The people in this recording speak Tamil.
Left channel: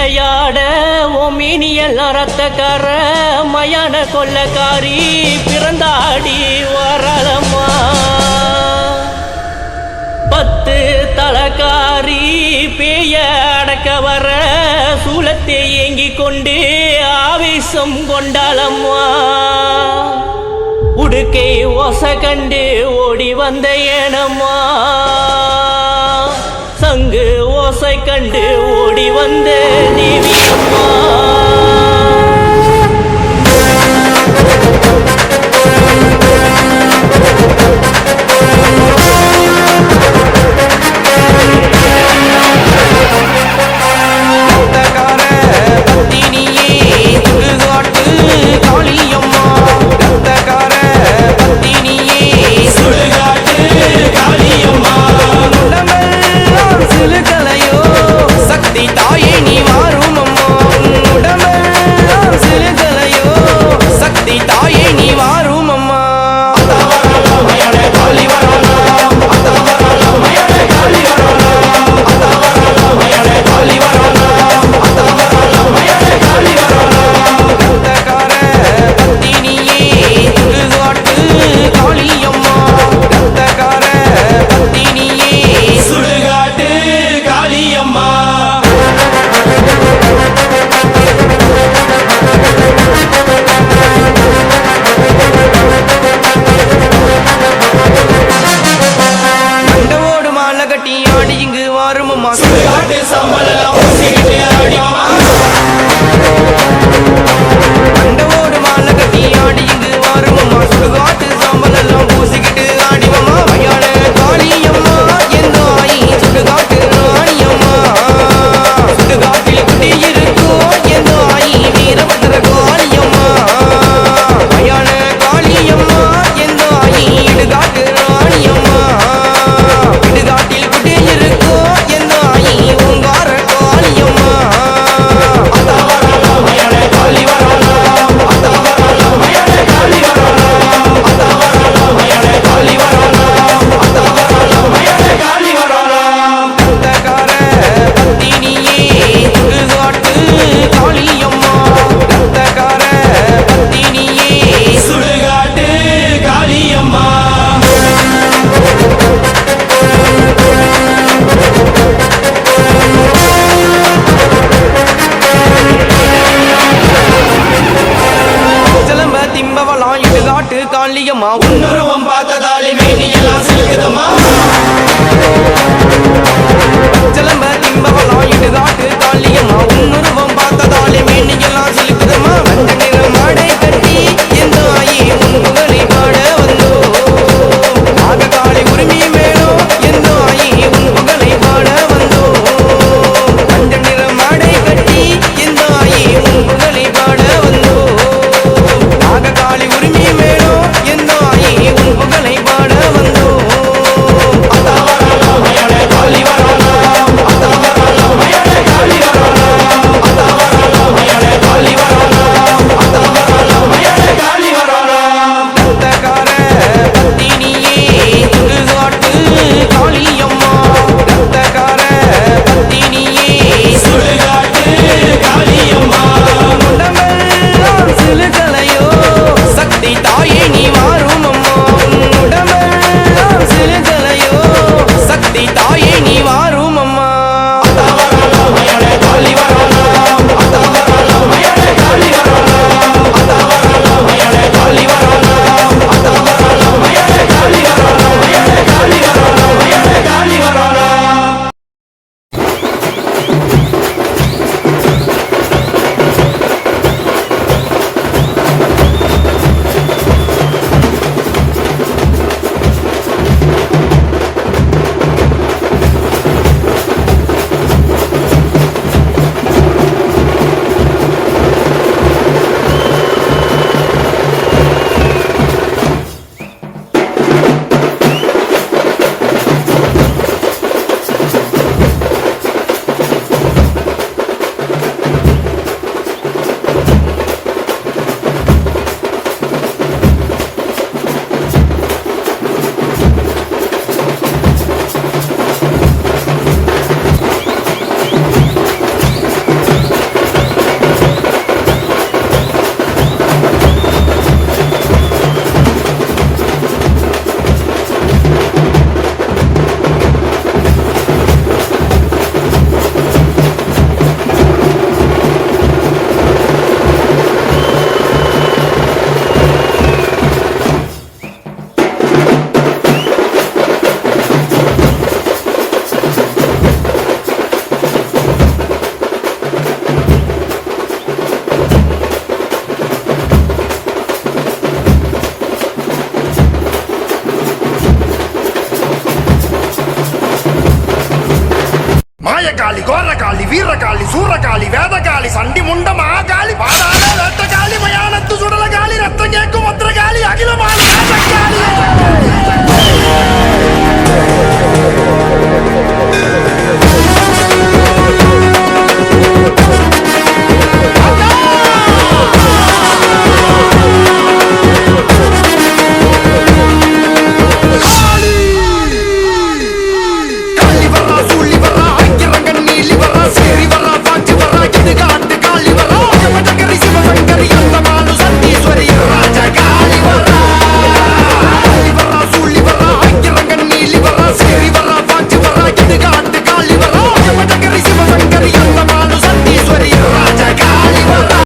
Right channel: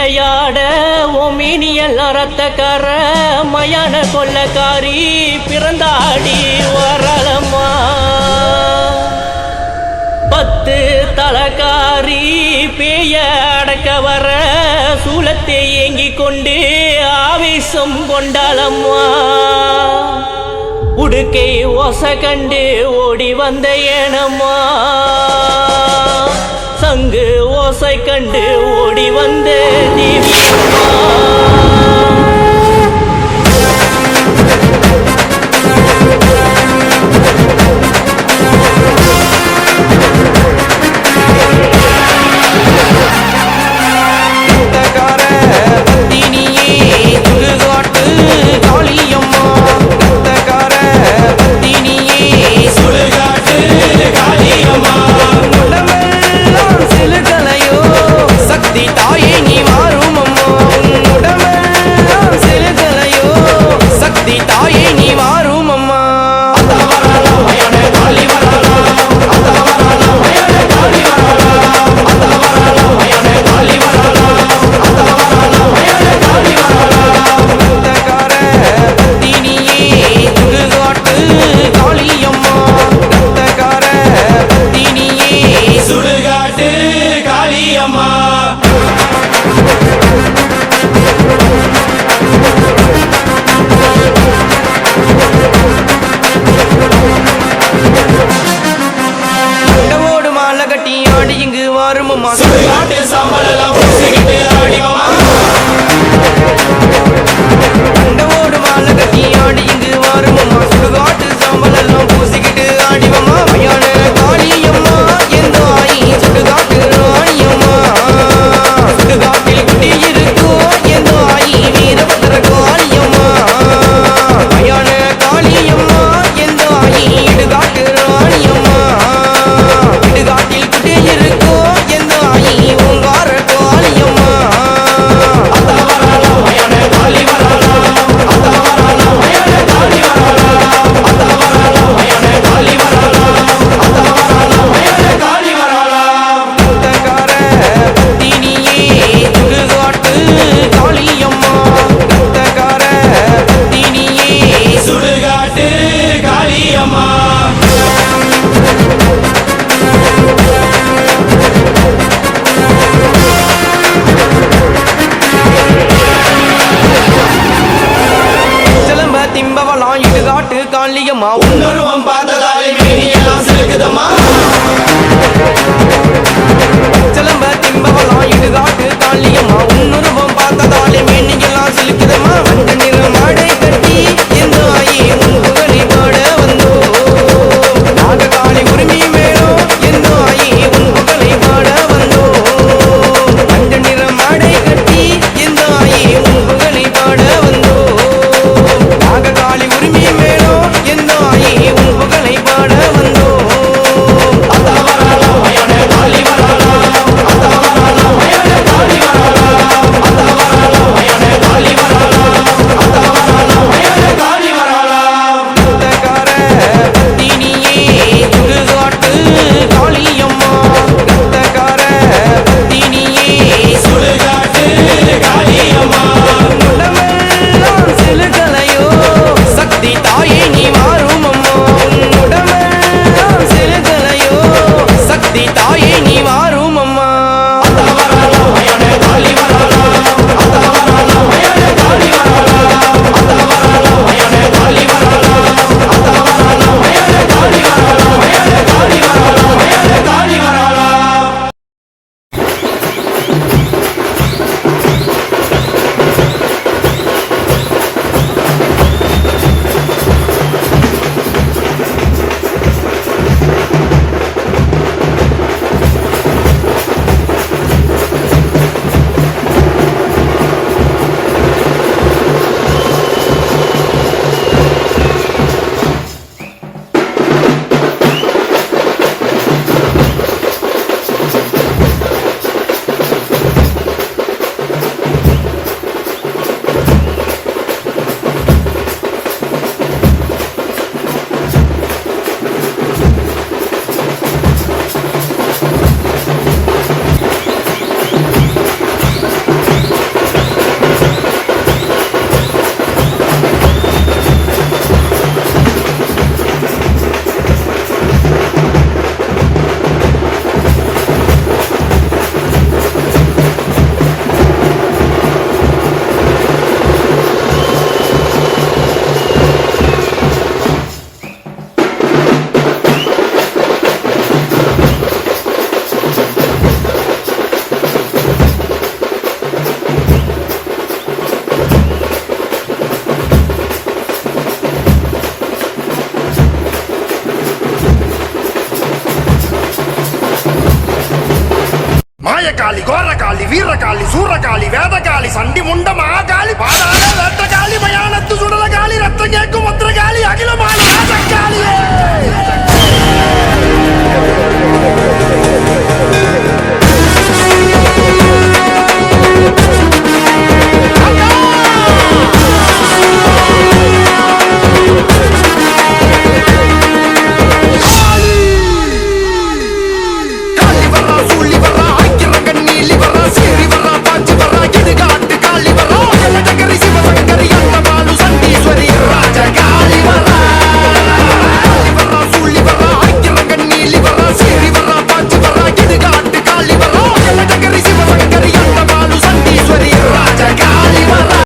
விளையாட ஓமினியல் ரத்தக்கார மயான கொள்ளக்காரி பிறந்தாடி வரலம்மா. 10 தலக்காரி பேய அடக்க வர சூலத்தை ஏங்கி கொண்டு ஆவேசம் கொண்டாளம்மா. உடுக்கை ஓச கண்டு ஓடி வந்த ஏனம்மா. சங்கு ஓசை கண்டு ஓடி வந்த தேவியம்மா. ரத்தக்கார பத்தினியே சுடுகாட்டு காளியம்மா. ரத்தக்கார பத்தினியே சுடுகாட்டு காளியம்மா. உடம்பெல்லாம் சிலுக்கலையோ சக்தி தாயே நீ மாறும் அம்மா. உடம்பெல்லாம் சிலுக்கலையோ சக்தி தாயே நீ மாறும் அம்மா. ரத்தக்கார பத்தினியே சுடுகாட்டு காளியம்மா. ரத்தக்கார பத்தினியே சுடுகாட்டு காளியம்மா. மண்டவோடு மாலை கட்டி ஆடி இங்கு வாரும் அம்மா. சுடுகாட்டு சாம்பலெல்லாம் பூசிக்கிட்டு ஆடிவமா. மண்டவோடு மாலை கட்டி ஆடி இங்கு வாரும் அம்மா. சுடுகாட்டு சாம்பல் எல்லாம் பூசிக்கிட்டு ஆடிவம்மா. மயான காளியம்மா எந்த ஆயி சுடுகாட்டு ராணியம்மா. சுடுகாட்டில் குட்டி இருக்கோ எந்த ஆயி வீரபத்ர காளியம்மா. மயான காளியம்மா எந்த ஆயி இடுகாட்டு ராணியம்மா. இடுகாட்டில் குட்டி இருக்கோ எந்த ஆயி ஓங்கார காளியம்மா. ரத்தக்கார பத்தினியே சுடுகாட்டு காளியம்மா. ரத்தக்கார பத்தினியே சுடுகாட்டு காளியம்மா. சிலம்ப திம்பவலாம் இடுகாட்டு காளியம்மா. உன்னுருவம் பார்த்ததாலே மேனியெல்லாம் சிலுக்குதம்மா. சிலம்ப திம்பவலாம் இடுகாட்டு காளியம்மா. உன்னுருவம் பார்த்ததாலே மேனியெல்லாம் சிலுக்குதம்மா. மஞ்ச நிற மாடை கட்டி எந்த ஆயி உன் புகழை பாட வந்தோ. நாககாளி உரிமை மேலோ எந்த ஆயி உன் புகழை பாட வந்தோ. மஞ்ச நிற மாடை கட்டி எந்த ஆயி உன் புகழை பாட வந்தோ. நாககாளி உரிமை மேலோ எந்த ஆயி உன் புகழை பாட வந்தோ. ரத்தக்கார பத்தினியே சுடுகாட்டு காளியம்மா. ரத்தக்கார பத்தினியே சுடுகாட்டு காளியம்மா. உடம்பெல்லாம் சிலுக்கலையோ சக்தி தாயே நீ மாறும் அம்மா. உடம்பெல்லாம் சிலுக்கலையோ சக்தி தாயே நீ மாறும் அம்மா. பத்ரகாளி கோரகாளி வீரகாளி சூரகாளி வேதகாளி சண்டி முண்ட மகாகாளி பாதாள வேட்டகாளி மயானத்து சுடலகாளி ரத்தம் கேட்கும் பத்ரகாளி அகிலமான ராஜகாளி